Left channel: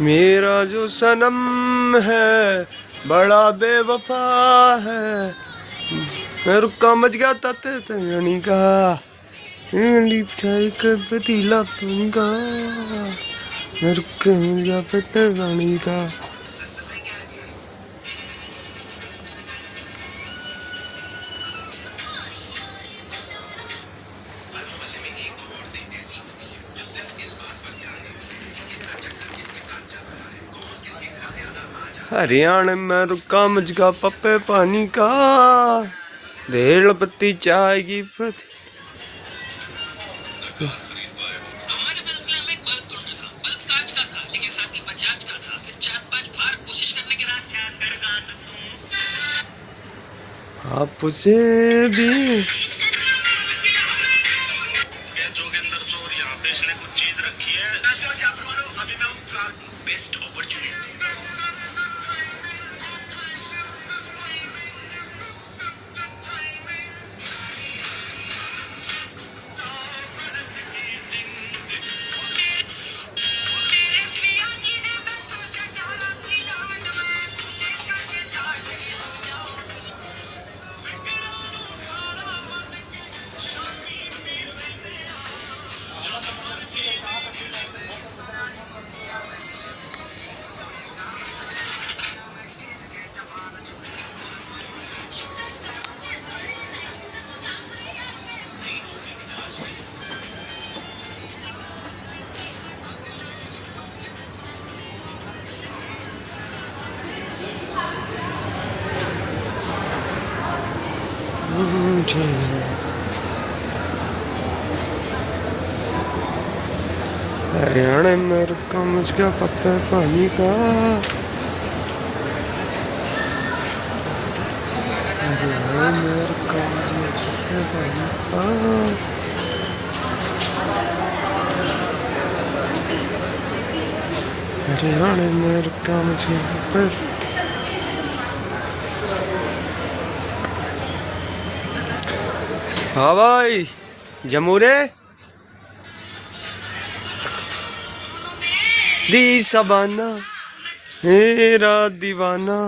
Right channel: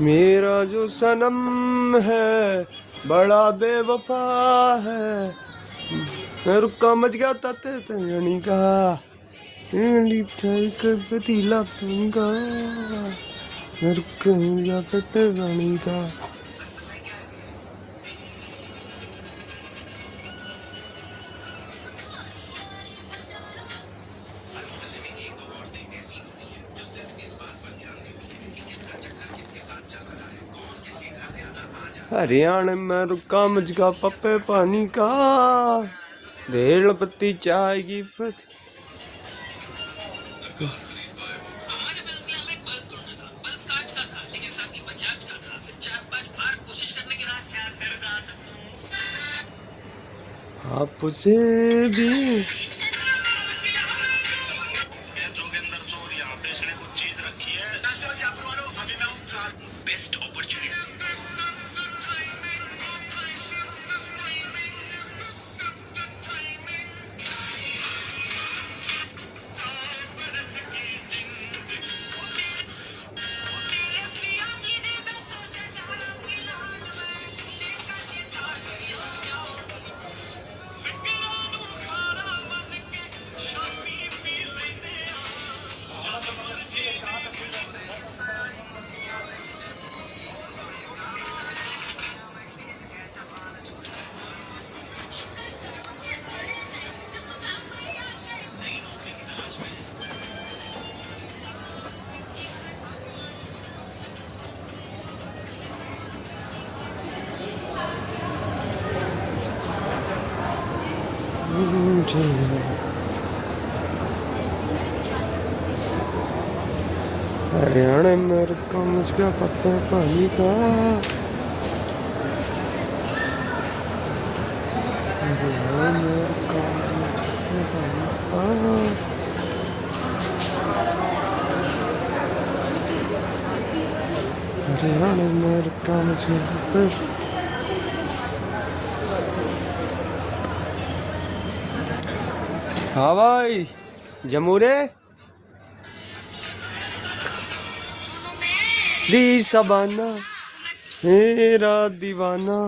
मेरा जो सनम है बड़ा बेवफा है। मैं रुका मच गया तते तंगनी का पतीला का। मैं रुका मच गया तते तंगनी का। हरियाणा में रुका मुझका पप्पे पानी का। रेल पत्ती चाय की पत्ती। हमारे बंगला में एक बल्ब तोड़ना था। बल्ब कांच का था, लेकिन साथी बजाज का था। फिर 4-5 बार कोशिश करने के बाद क्या कर रहा था तुम? आपसे भी जोगिंदर चोर यहाँ पे इसने कुछ चीज रखी है। ऐसे क्या करो, अभी मैं उनका बेस्ट अपॉर्चुनिटी। हरियाणा में रुका मुझका पप्पे पानी का। हरियाणा में रुका मुझका पप्पे पानी का। हरियाणा में रुका मुझका पप्पे। हाँ भाई जमूरे दी सबाना मेरा दीवाना।